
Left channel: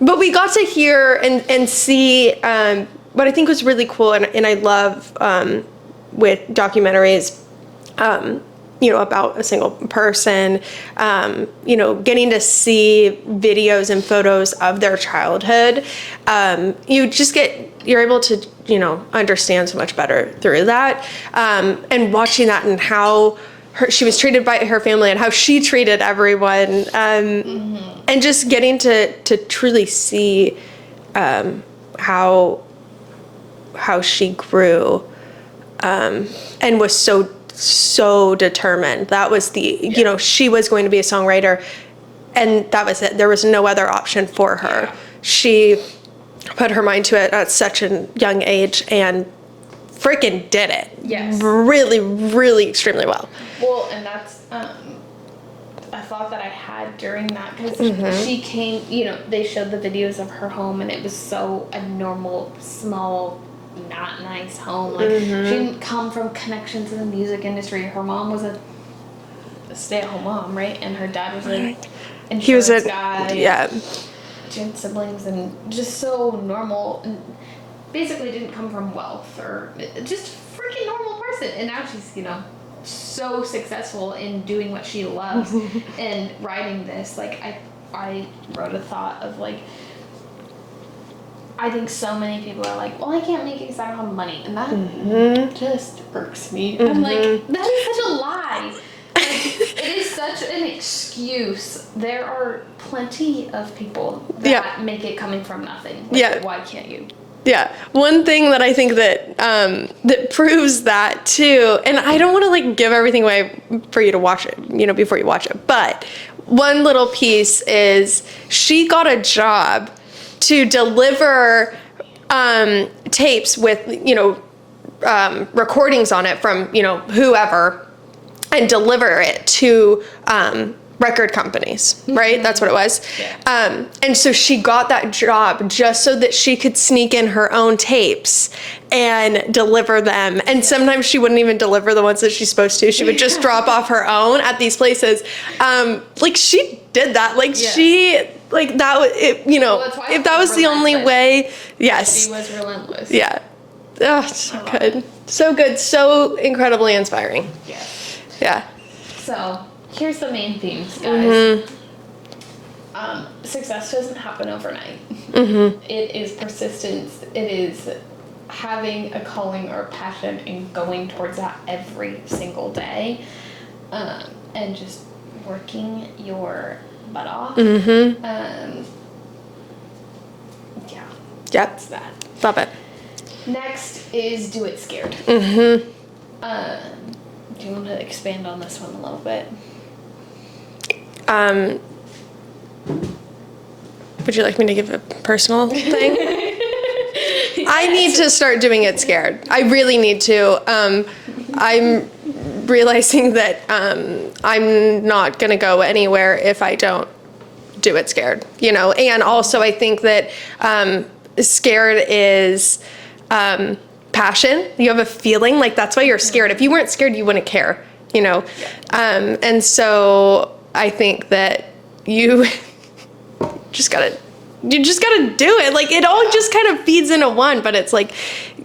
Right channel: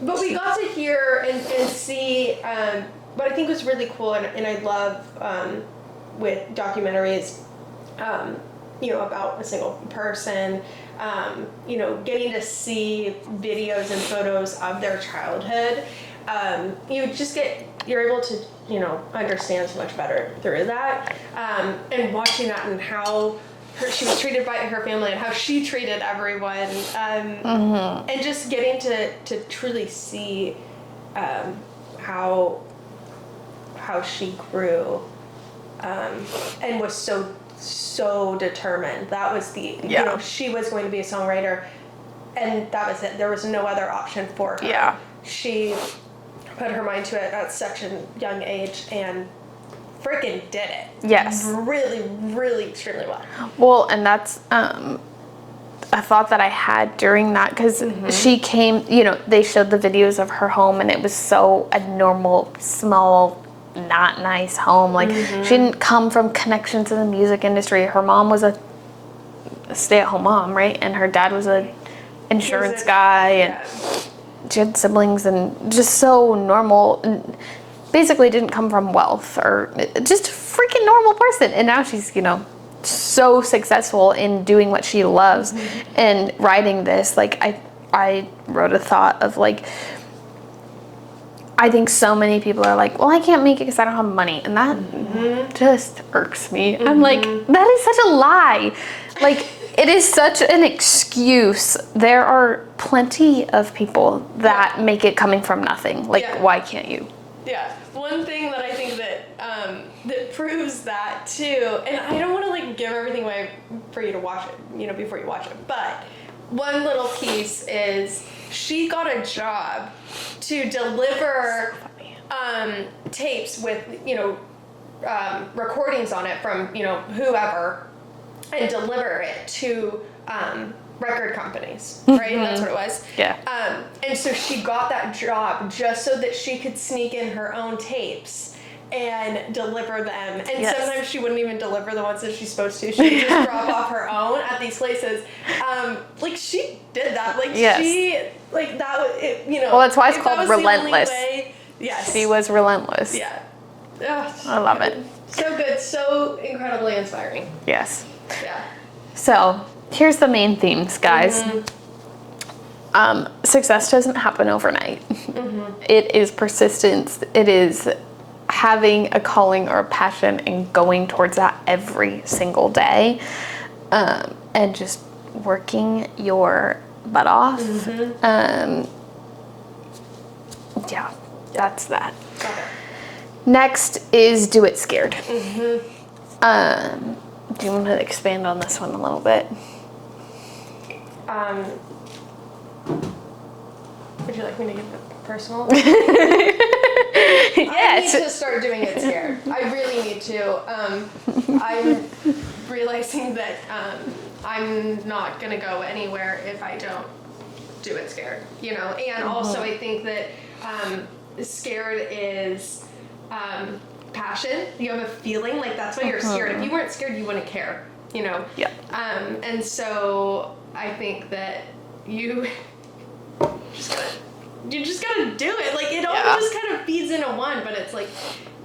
But we got to hear and see what I think was really cool and I love with documentaries, you know, about a single person, you know, getting to see videos and photos of their childhood. You're able to, you know, understand so much better through that. And watching that and how she was treated by her family and how she treated everyone. And just getting to truly see how she grew and was so determined. That was you know, she was going to be a songwriter and that was it. There was no other option for her. Yeah. She put her mind to it at such a young age and freaking did it. Yes. Really, really extremely well. Well, and that's a thought that I had during that because she came, you know, they showed the videos of her home and it was so a normal, small, not nice home. Like she didn't come from connection to the music industry. Her mom was a stay-at-home mom, right? And her dad was an insurance guy. Yeah. She had siblings and just so normal and basically didn't come from wealth or just a freaking normal person. And now she's, you know, so successful in doing what she loves and writing this. Like I wrote a thought of like, I think so many people are like, well, I can't make it because I don't have money. And that just irks me. I'm like, that is such a lie. Like, it is such an excuse. There are plenty of people that make it coming from nothing. Like, why can't you? Yeah. One thing that I think that that proves that too, and I don't want to like give everything away for you to watch it, you know, before you watch it, but one little piece is she got a job to deliver tapes with, you know, recordings on it from, you know, whoever, and deliver it to record companies, right? That's what it was. Yeah. And so she got that job just so that she could sneak in her own tapes and deliver them. And sometimes she wouldn't even deliver the ones that she's supposed to. She would just drop off her own at these places. Like she did that. Like she, like that was, it, you know, well, that's why if that was the only way. Yes. She was relentless. Yeah. Oh, I love it. So good. So incredibly inspiring. Yes. Yeah. So here's the main themes, guys. Success doesn't happen overnight. It is persistence. It is having a calling or a passion and going towards that every single day, and just working your butt off. Yeah, that's that. Love it. Next is do it scared. Do you want to expand on this one a little bit? Would you like me to give a personal thing? I need to start doing it scared. I really need to. I'm realizing that I'm not going to go anywhere if I don't do it scared, you know? And also I think that scared is passion. You have a feeling, like that's why you're scared. If you weren't scared, you wouldn't care, you know? Yeah. And so I think that you just gotta do it. Like it all just kind of feeds into one, but it's like,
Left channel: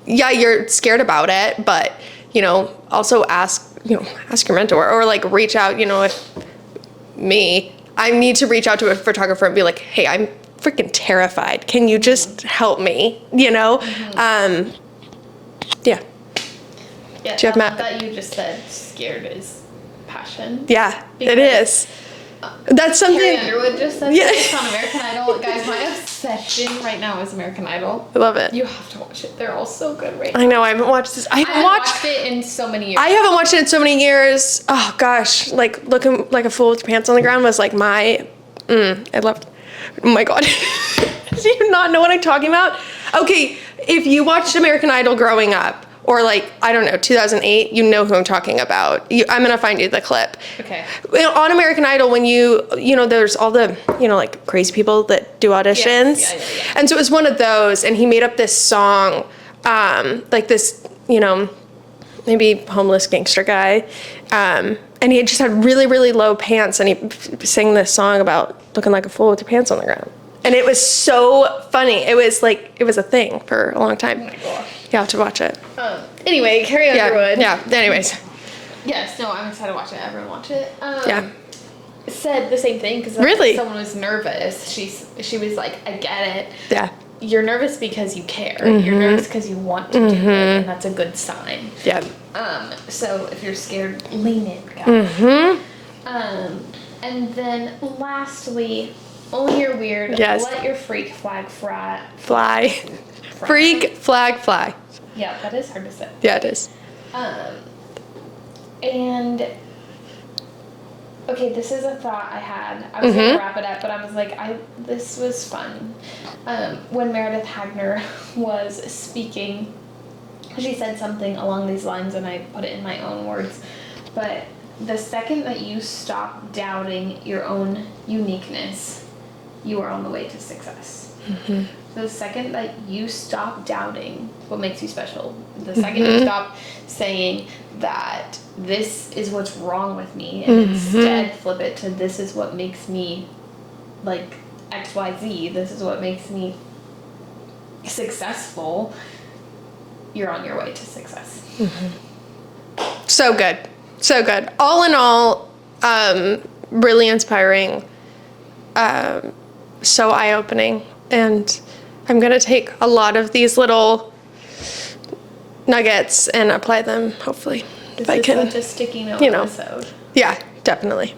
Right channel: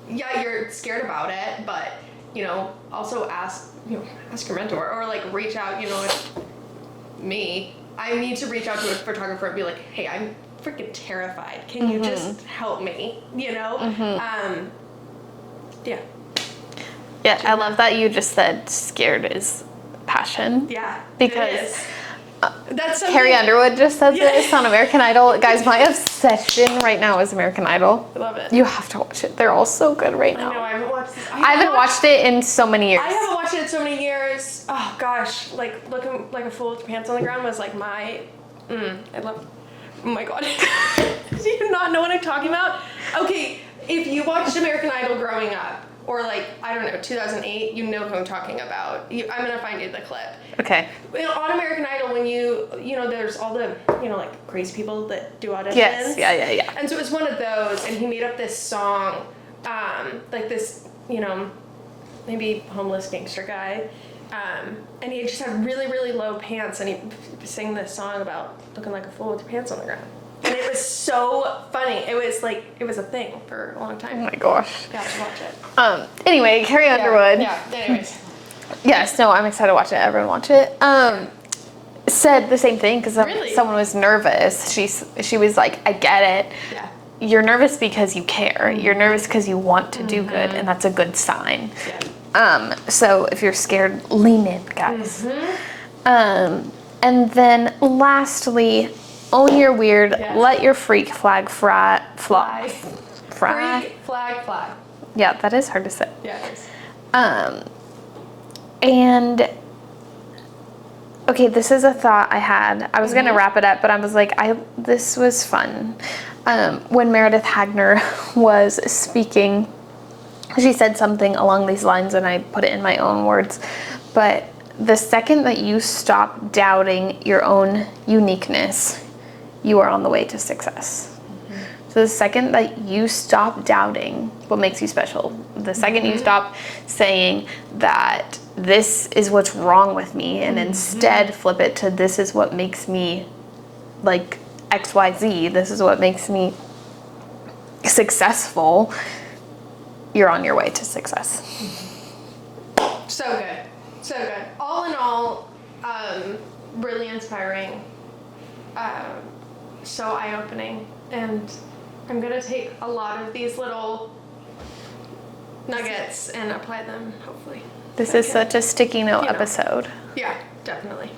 yeah, you're scared about it, but you know, also ask your mentor or like reach out, you know, if I need to reach out to a photographer and be like, hey, I'm freaking terrified. Can you just help me? You know? Yeah. Yeah, I love that you just said scared is passion. Yeah, it is. That's something Carrie Underwood just said this on American Idol. Guys, my obsession right now is American Idol. I love it. You have to watch it. They're all so good right now. I know, I haven't watched this. I haven't watched it in so many years. I haven't watched it in so many years. Oh gosh, like looking like a fool with your pants on the ground was like I loved Oh my God. Do you not know what I'm talking about? Okay, if you watched American Idol growing up, or like, I don't know, 2008, you know who I'm talking about. I'm gonna find you the clip. Okay. On American Idol, when you know, there's all the, like crazy people that do auditions. Yes. Yeah. And so it was one of those, and he made up this song, like this, maybe homeless gangster guy. And he had just had really, really low pants, and he sang this song about looking like a fool with your pants on the ground. And it was so funny. It was a thing for a long time. Oh my gosh. You have to watch it. Anyway, Carrie Underwood. Yeah, anyways. Yes, no, I'm excited to watch it. Everyone watch it. Said the same thing because Really? someone was nervous. She was like, I get it. Yeah. You're nervous because you care. Mm-hmm. You're nervous because you want to do good, and that's a good sign. Yeah. So if you're scared, lean in, guys. Mm-hmm. And then lastly, own your weird. Yes. Let your freak flag fly. Freak flag fly. Yeah, that is hard to say. Yeah, it is. And okay, this is a thought I had. I was gonna wrap it up, but I was like, this was fun. When Meredith Hagner was speaking, she said something along these lines, and I put it in my own words. But the second that you stop doubting your own uniqueness, you are on the way to success. Mm-hmm. So the second that you stop doubting what makes you special, the second you stop saying that this is what's wrong with me, and instead flip it to this is what makes me like XYZ, this is what makes me successful, you're on your way to success. Mm-hmm. So good. So good. All in all, really inspiring, so eye-opening, and I'm going to take a lot of these little nuggets and apply them, hopefully. This is such a sticky note episode. Yeah, definitely.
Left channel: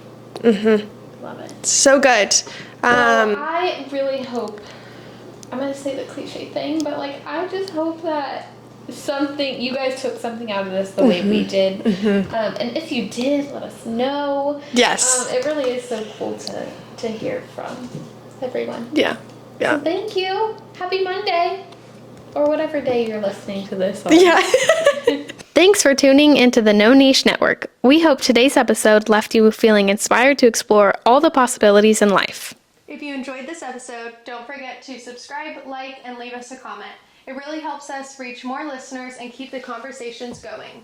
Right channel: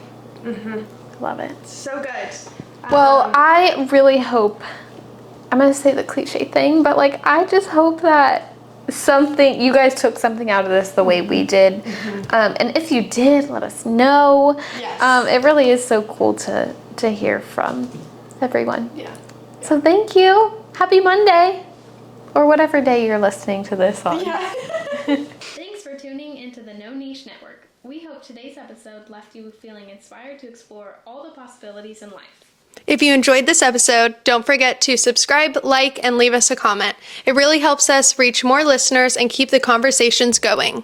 Love it. So good. Well, I really hope, I'm going to say the cliche thing, but like, I just hope that you guys took something out of this the way we did. And if you did, let us know. Yes. It really is so cool to hear from everyone. Yeah. So thank you. Happy Monday. Or whatever day you're listening to this on. Yeah. Thanks for tuning into the No Niche Network. We hope today's episode left you feeling inspired to explore all the possibilities in life. If you enjoyed this episode, don't forget to subscribe, like, and leave us a comment. It really helps us reach more listeners and keep the conversations going.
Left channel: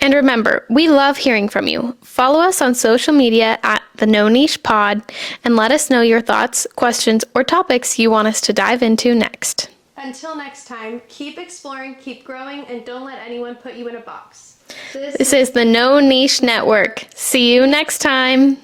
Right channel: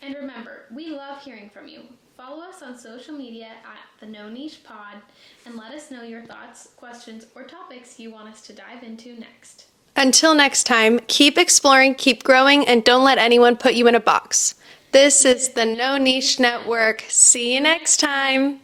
And remember, we love hearing from you. Follow us on social media at the No Niche Pod and let us know your thoughts, questions, or topics you want us to dive into next. Until next time, keep exploring, keep growing, and don't let anyone put you in a box. This This is the No Niche Network. See you next time.